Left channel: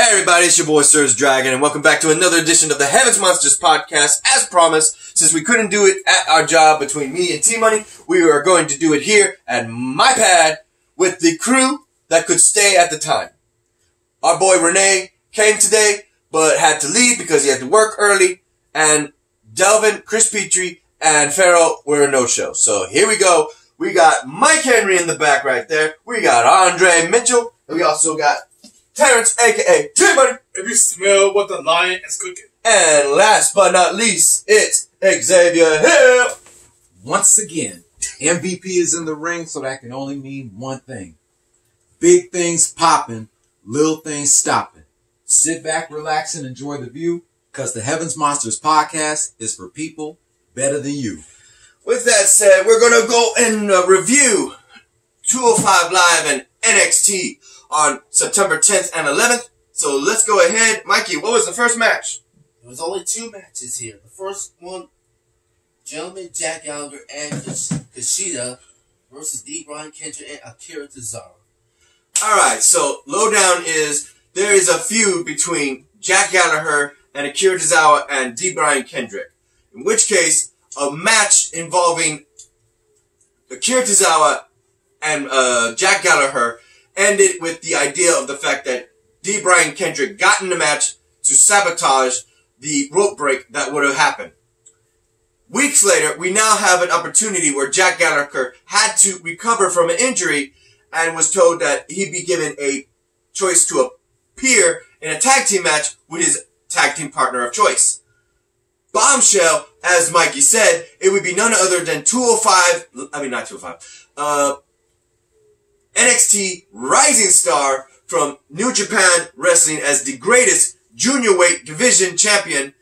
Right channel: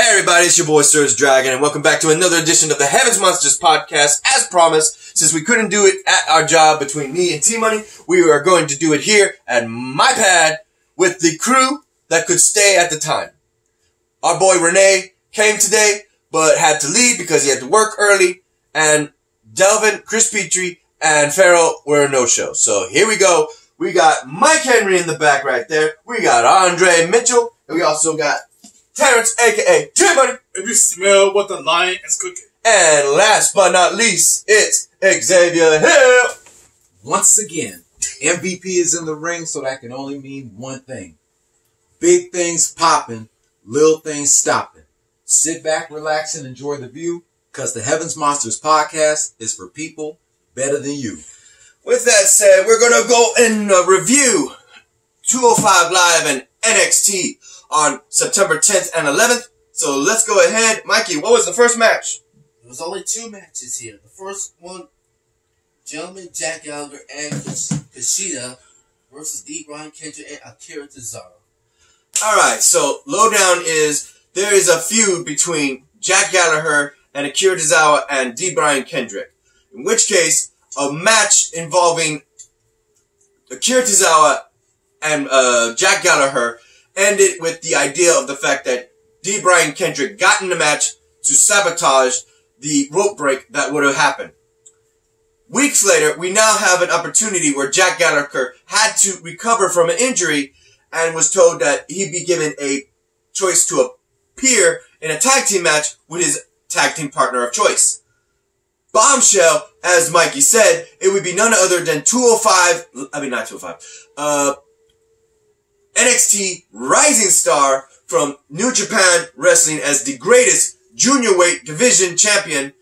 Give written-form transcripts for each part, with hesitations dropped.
Hey everybody, it's your boy Sir's Dragon, and welcome back to another edition of the Heavens Monsters podcast. As promised, since we couldn't do it at our job between me and T-Money, we are going to do it here at my pad with the crew that could stay at the time. Our boy Renee came today, but had to leave because he had to work early, and Delvin, Chris Petrie, and Farrell were a no-show. So here we go. We got Mike Henry in the back right there. We got Andre Mitchell, and we also got Terrence, a.k.a. J-Money. If you smell what the lion is cooking. And last but not least, it's Xavier Hill. Once again, MVP is in the ring, so that can only mean one thing. Big things popping, little things stopping. Sit back, relax, and enjoy the view, because the Heavens Monsters podcast is for people better than you. With that said, we're going to go and review 205 Live and NXT on September 10th and 11th. So let's go ahead. Mikey, what was the first match? There was only two matches here. The first one, gentleman Jack Gallaher and Kushida versus D. Brian Kendrick and Akira Tozawa. Alright, so lowdown is there is a feud between Jack Gallaher and Akira Tozawa and D. Brian Kendrick. In which case, a match involving Akira Tozawa and Jack Gallaher ended with the idea of the fact that D. Brian Kendrick got in the match to sabotage the rope break that would have happened. Weeks later, we now have an opportunity where Jack Gallaher had to recover from an injury and was told that he'd be given a choice to appear in a tag team match with his tag team partner of choice. Bombshell, as Mikey said, it would be none other than NXT Rising Star from New Japan Wrestling as the greatest junior weight division champion.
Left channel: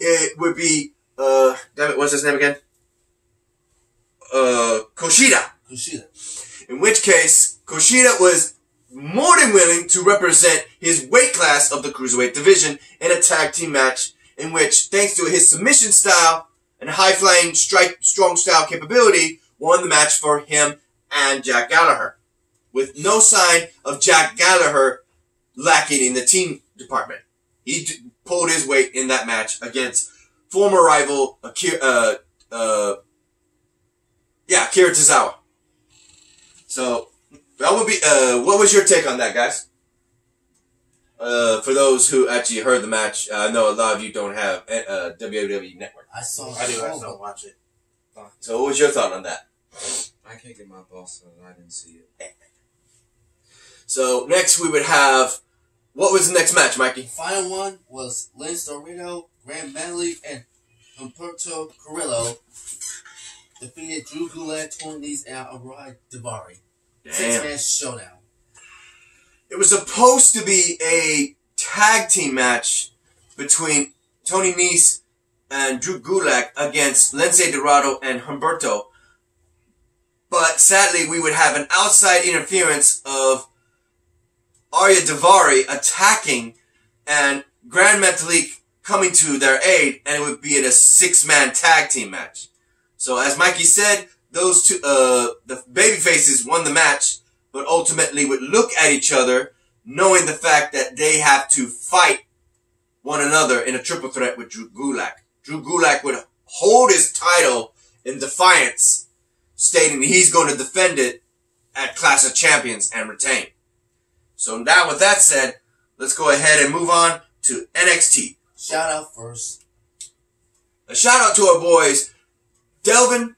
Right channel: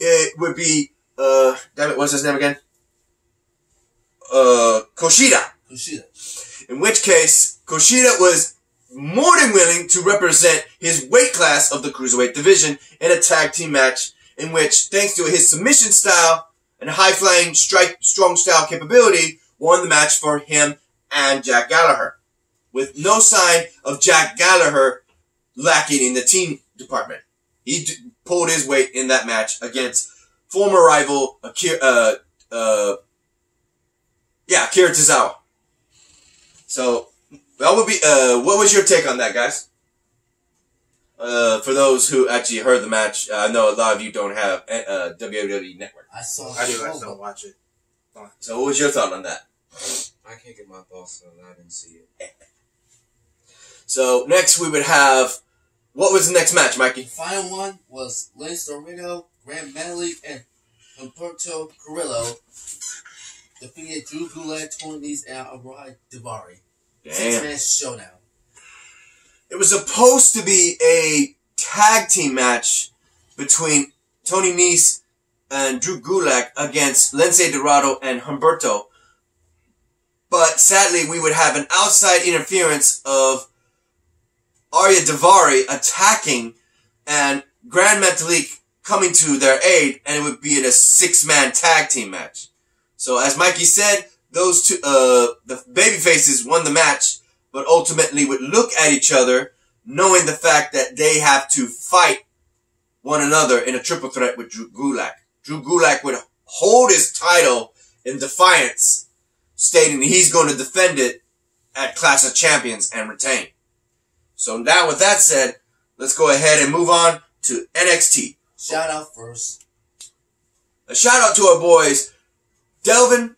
It would be, what's his name again? Kushida. In which case, Kushida was more than willing to represent his weight class of the cruiserweight division in a tag team match in which, thanks to his submission style and high-flying strong style capability, won the match for him and Jack Gallaher, with no sign of Jack Gallaher lacking in the team department. He pulled his weight in that match against former rival Akira Tozawa. So that would be what was your take on that, guys? For those who actually heard the match, I know a lot of you don't have WWE Network. I do. I just don't watch it. So what was your thought on that? I can't get my boss on. I didn't see it. So next we would have, what was the next match, Mikey? The final one was Dorado, Grand Metalik, and Humberto Carrillo defeated Drew Gulak, Tony Nese, and Arai Daivari. 6-man showdown. It was supposed to be a tag team match between Tony Nese and Drew Gulak against Lince Dorado and Humberto. But sadly, we would have an outside interference of Arai Daivari attacking and Grand Metalik coming to their aid, and it would be in a 6-man tag team match. So as Mikey said, those two, the Babyfaces won the match, but ultimately would look at each other, knowing the fact that they have to fight one another in a triple threat with Drew Gulak. Drew Gulak would hold his title in defiance, stating that he's going to defend it at Clash of Champions and retain. So now with that said, let's go ahead and move on to NXT. Shout out first. A shout out to our boys, Delvin,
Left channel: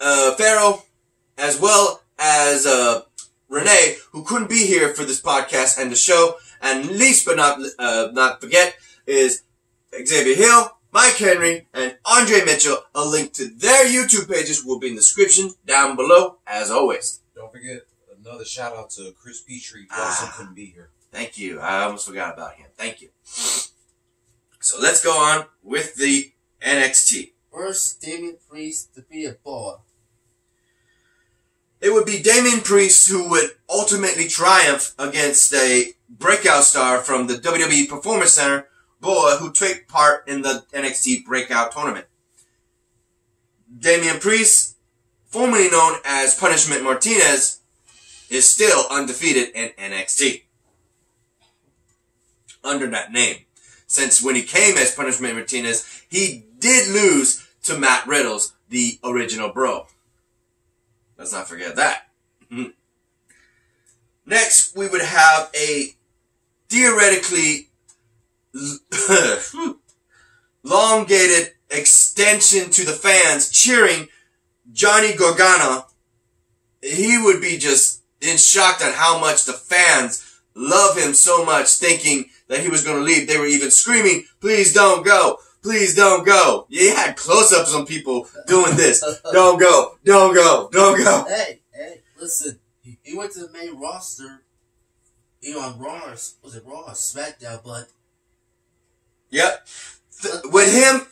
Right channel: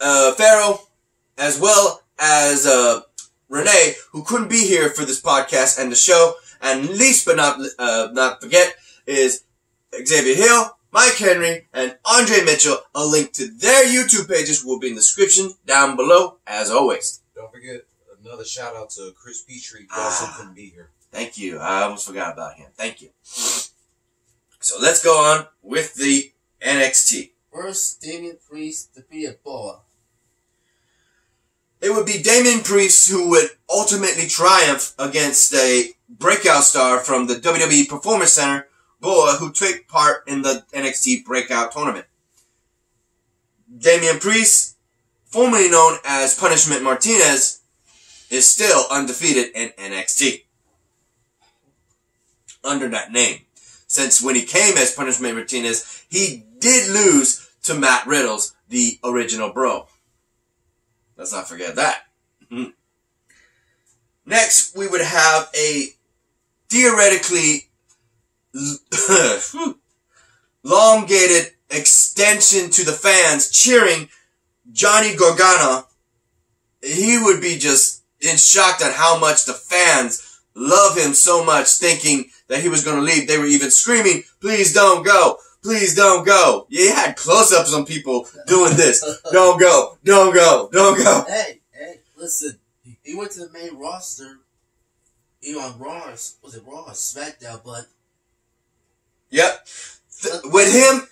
Farrell, as well as Renee, who couldn't be here for this podcast and the show. And least but not forget is Xavier Hill, Mike Henry, and Andre Mitchell. A link to their YouTube pages will be in the description down below, as always. Don't forget another shout out to Chris Petrie, who also couldn't be here. Thank you. I almost forgot about him. Thank you. So let's go on with the NXT. First, Damian Priest defeated Boa. It would be Damian Priest who would ultimately triumph against a breakout star from the WWE Performance Center, Boa, who took part in the NXT Breakout Tournament. Damian Priest, formerly known as Punishment Martinez, is still undefeated in NXT. under that name. Since when he came as Punishment Martinez, he did lose to Matt Riddles, the original Bro. Let's not forget that. Next, we would have a theoretically elongated extension to the fans cheering Johnny Gargano. He would be just in shock at how much the fans love him so much, thinking that he was going to leave. They were even screaming, "Please don't go. Please don't go." Yeah, you had close-ups on people doing this. Don't go. Don't go. Don't go. Hey, listen. He went to the main roster. On Raw, was it Raw or SmackDown? But yep, with him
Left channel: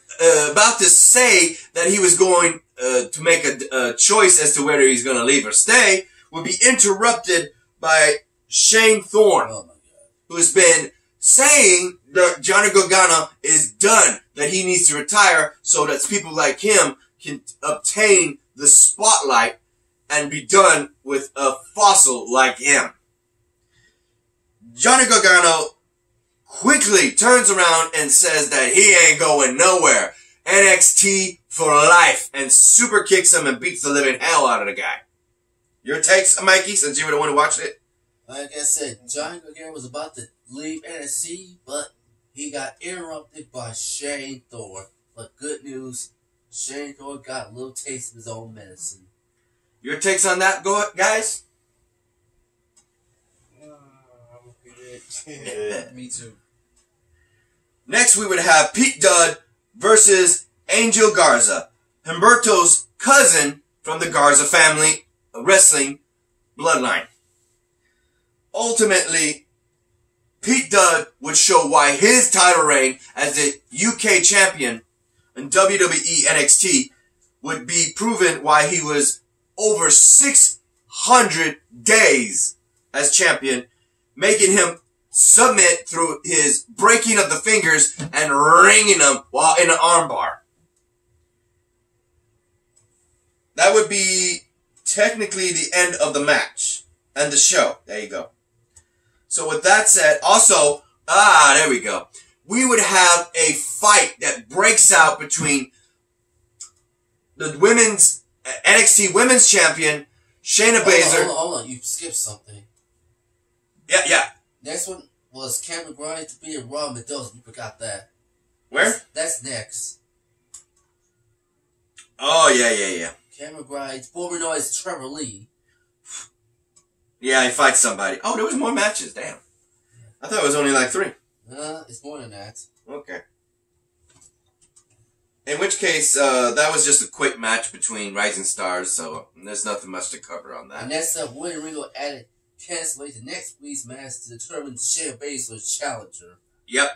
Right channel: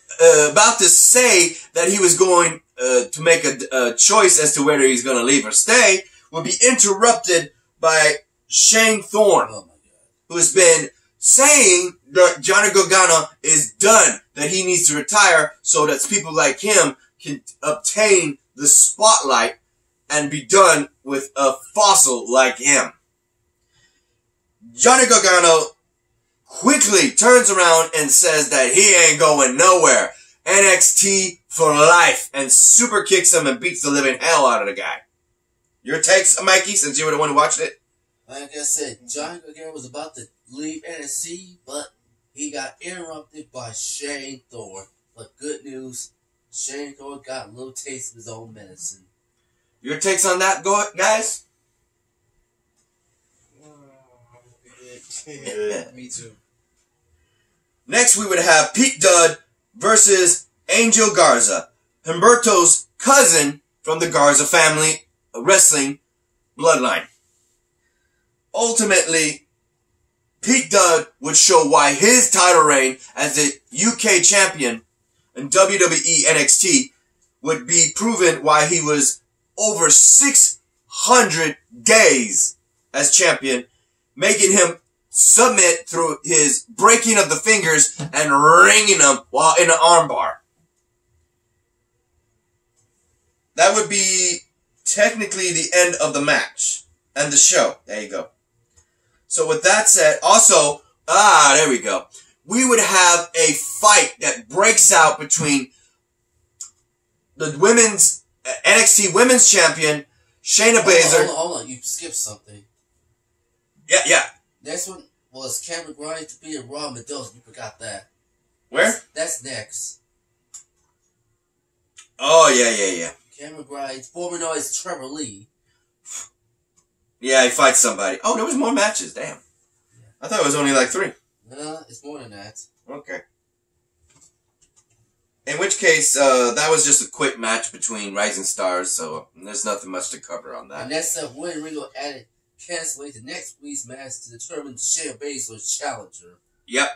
about to say that he was going to make a choice as to whether he's going to leave or stay, would be interrupted by Shane Thorne, who has been saying that Johnny Gargano is done, that he needs to retire so that people like him can obtain the spotlight and be done with a fossil like him. Johnny Gargano quickly turns around and says that he ain't going nowhere. NXT for life, and super kicks him and beats the living hell out of the guy. Your takes, Mikey, since you were the one who watched it? Like I said, Johnny Gargano was about to leave NXT, but he got interrupted by Shane Thorne. But good news, Shane Thorne got a little taste of his own medicine. Your takes on that, guys? Me too. Next, we would have Pete Dunne versus Angel Garza, Humberto's cousin from the Garza family wrestling bloodline. Ultimately, Pete Dunne would show why his title reign as the UK champion in WWE NXT would be proven why he was over 600 days as champion, making him submit through his breaking of the fingers and ringing them while in an armbar. That would be technically the end of the match and the show. There you go. So with that said, also, there we go. We would have a fight that breaks out between the women's NXT Women's Champion, Shayna Baszler. Hold on, you skipped something. Yeah. Next one was Cameron Grimes to be in Raw Mendoza. You forgot that. Where? That's next. Oh, yeah. Cameron Grimes, former known as Trevor Lee. Yeah, he fights somebody. Oh, there was more matches. Damn. I thought it was only like 3. It's more than that. Okay. In which case, that was just a quick match between rising stars, so there's nothing much to cover on that. And next up, William Regal added cancellate the next week's match to determine Shayna Baszler's challenger. Yep.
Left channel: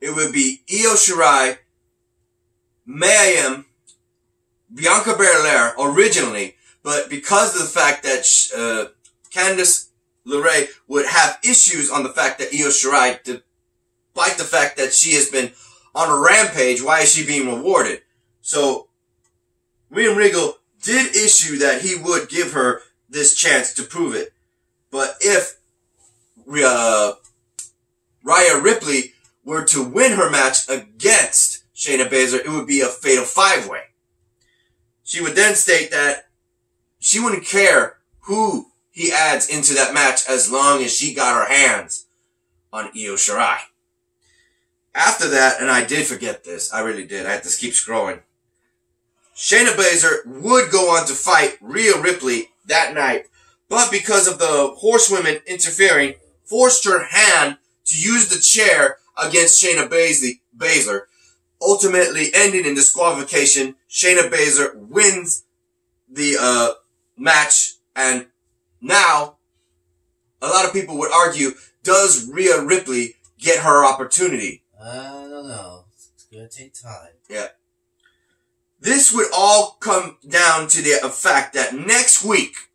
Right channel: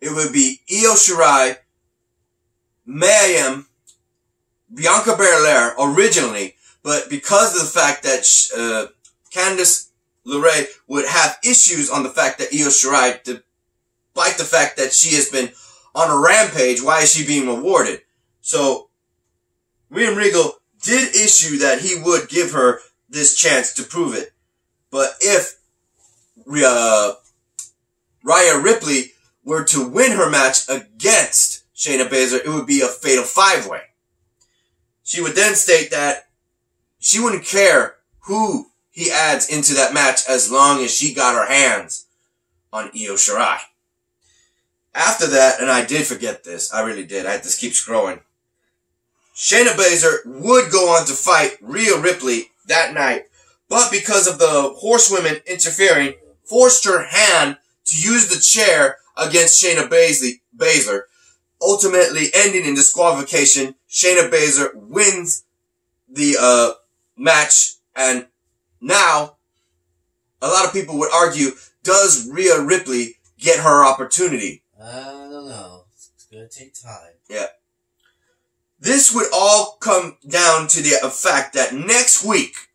It would be Io Shirai, Mayhem, Bianca Belair originally, but because of the fact that Candice LeRae would have issues on the fact that Io Shirai, despite the fact that she has been on a rampage, why is she being rewarded? So, William Regal did issue that he would give her this chance to prove it. But if Rhea Ripley were to win her match against Shayna Baszler, it would be a fatal 5-way. She would then state that she wouldn't care who he adds into that match as long as she got her hands on Io Shirai. After that, and I did forget this, I really did, I had to keep scrolling. Shayna Baszler would go on to fight Rhea Ripley that night, but because of the horsewomen interfering, forced her hand to use the chair against Shayna Baszler, ultimately ending in disqualification. Shayna Baszler wins the match, and now a lot of people would argue, does Rhea Ripley get her opportunity? I don't know. It's going to take time. Yeah. This would all come down to the fact that next week,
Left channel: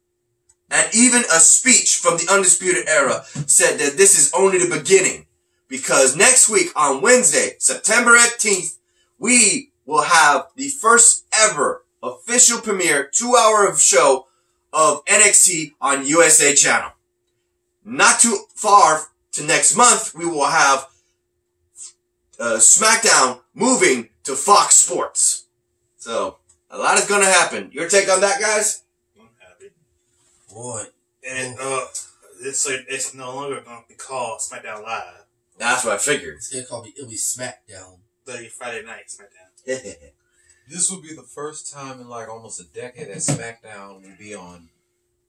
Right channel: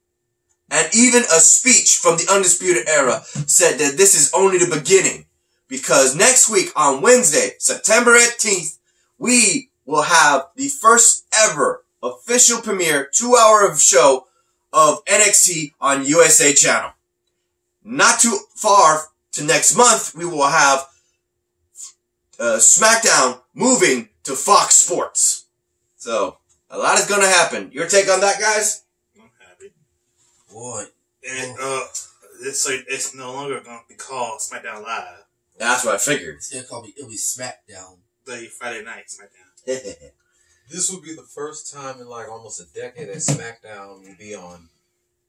and even a speech from the Undisputed Era said that this is only the beginning. Because next week on Wednesday, September 18th, we will have the first ever official premiere 2-hour show of NXT on USA Channel. Not too far to next month, we will have SmackDown moving to Fox Sports. So, a lot is going to happen. Your take on that, guys? I'm happy. Boy. And it's no longer going to be called SmackDown Live. That's what I figured. It's going to call me, it'll be SmackDown. The Friday night SmackDown. This will be the first time in like almost a decade that SmackDown will be on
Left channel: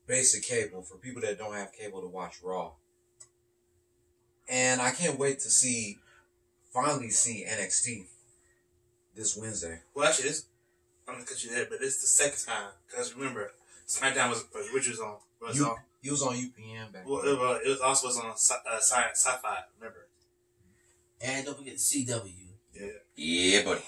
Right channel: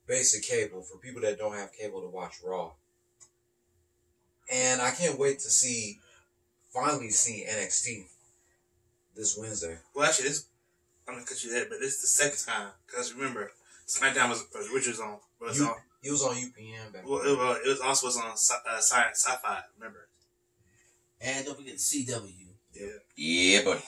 basic cable for people that don't have cable to watch Raw. And I can't wait to finally see NXT this Wednesday. Well, actually, I'm going to cut you there, but it's the second time. Because remember, SmackDown was on. He was on UPN back then. Well, it was also on Sci-Fi, remember? And don't forget CW. Yeah. Yeah, buddy.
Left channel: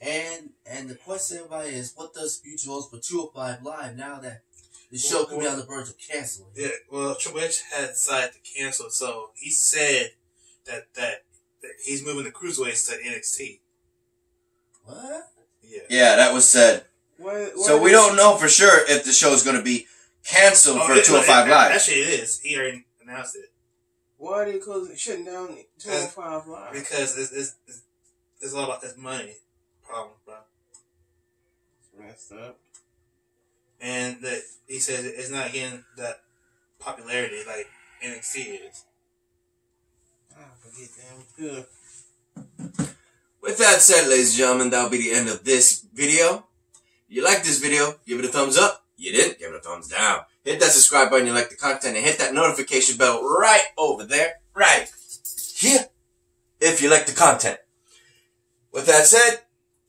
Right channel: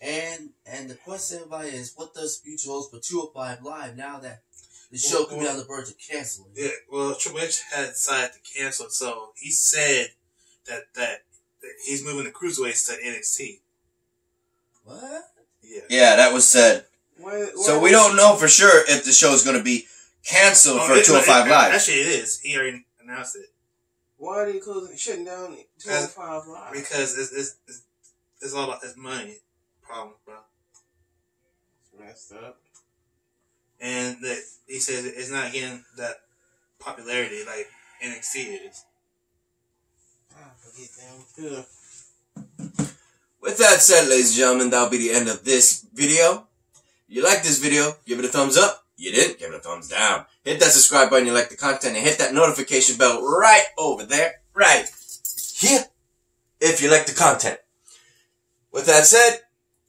And the question everybody is, what does future holds for 205 Live now that the show could be on the verge of canceling? Yeah, well, Triple H had decided to cancel it, so he said that he's moving the cruiserweights to NXT. What? Yeah, that was said. So we don't know for sure if the show is going to be canceled for 205 Live. Actually, it is. He already announced it. Why are they shutting down 205 Live? Because it's all about this money problem, bro. It's messed up. And he said it's not getting that popularity like NXT is. I forget them. Good. With that said, ladies and gentlemen, that'll be the end of this video. If you like this video, give it a thumbs up. You didn't, give it a thumbs down. Hit that subscribe button if you like the content, and hit that notification bell right over there, right here, if you like the content. With that said,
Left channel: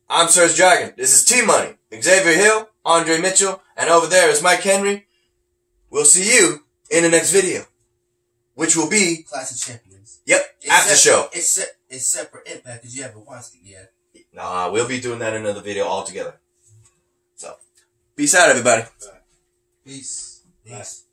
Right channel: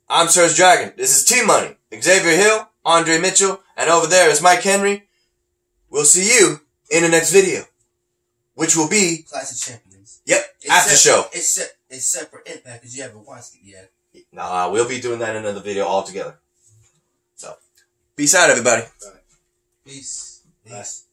I'm Surge Dragon. This is T-Money, Xavier Hill, Andre Mitchell, and over there is Mike Henry. We'll see you in the next video, which will be Clash of Champions. Yep, after show. It's separate Impact because you haven't watched it yet. Nah, we'll be doing that in another video altogether. So, peace out, everybody. Bye. Peace. Peace.